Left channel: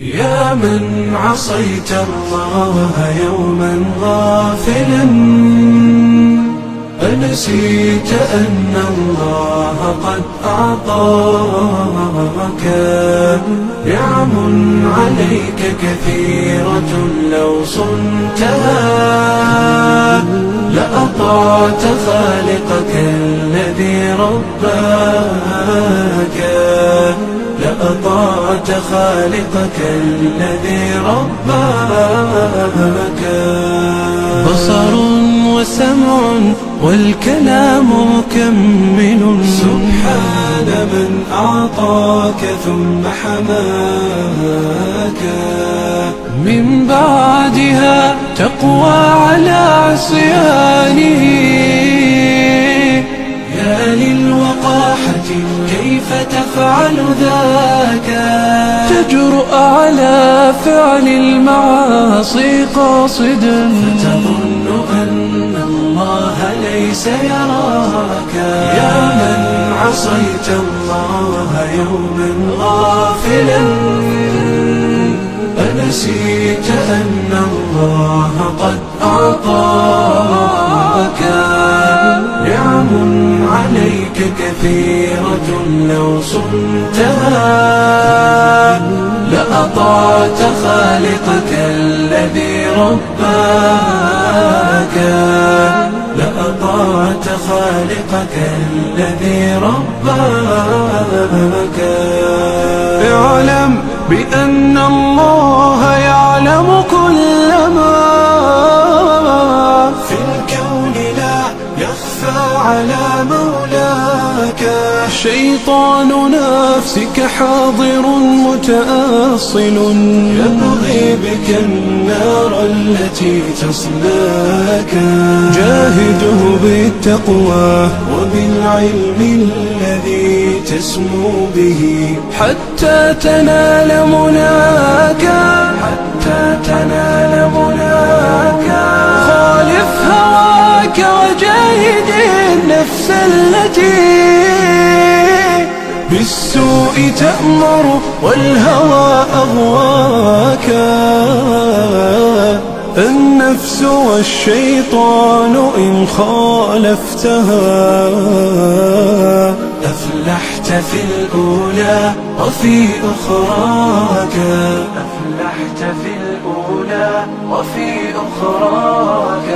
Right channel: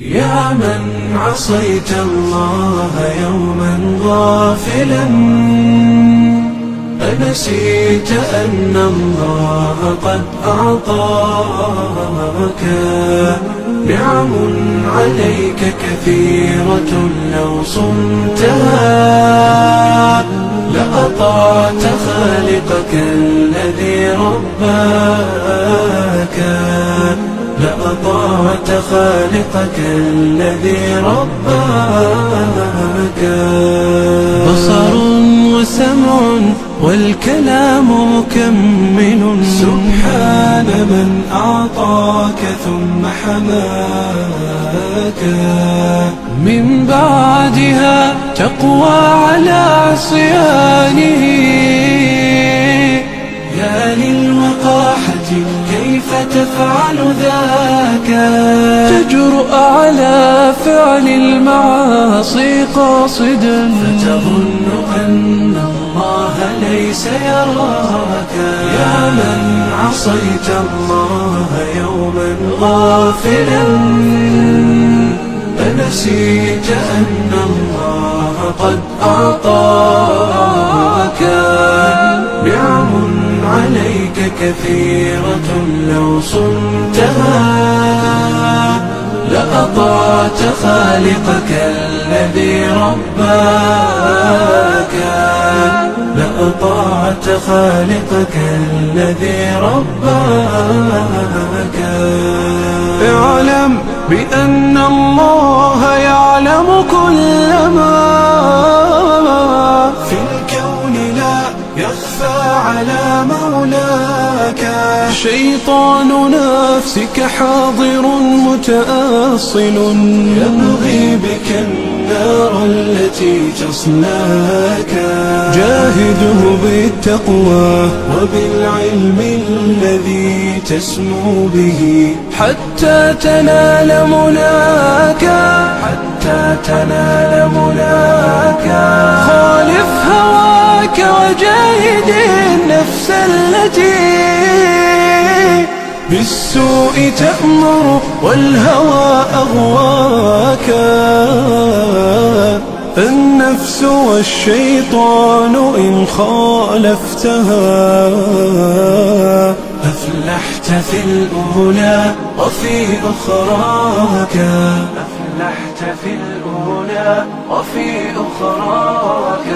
يا من عصيت الله يوما غافلا، أنسيت أن الله قد أعطاك نعم عليك كثيرة، لو صنتها لأطعت خالقك الذي رباك، لأطعت خالقك الذي رباك. بصر وسمع والكلام مكمل، سبحان من أعطاك ثم حماك. من بعدها تقوى على عصيانه، يا للوقاحة كيف تفعل ذاك؟ تجرؤ على فعل المعاصي قاصدا، فتظن أن الله ليس يراك. يا من عصيت الله يوما غافلا، أنسيت أن الله قد أعطاك نعم عليك كثيرة، لو صنتها لأطعت خالقك الذي رباك، لأطعت خالقك الذي رباك. اعلم بأن الله يعلم كل ما في الكون، لا يخفى على مولاك. شيطان نفسك حاضر متأصل، يبغي بك النار التي تصلاك. جاهده بالتقوى وبالعلم الذي تسمو به، حتى تنال مناك، حتى تنال مناك. خالف هواك وجاهد النفس التي بالسوء تأمر والهوى أغواك. النفس والشيطان إن خالفتها أفلحت في الأولى وفي أخراك، أفلحت في الأولى وفي أخراك.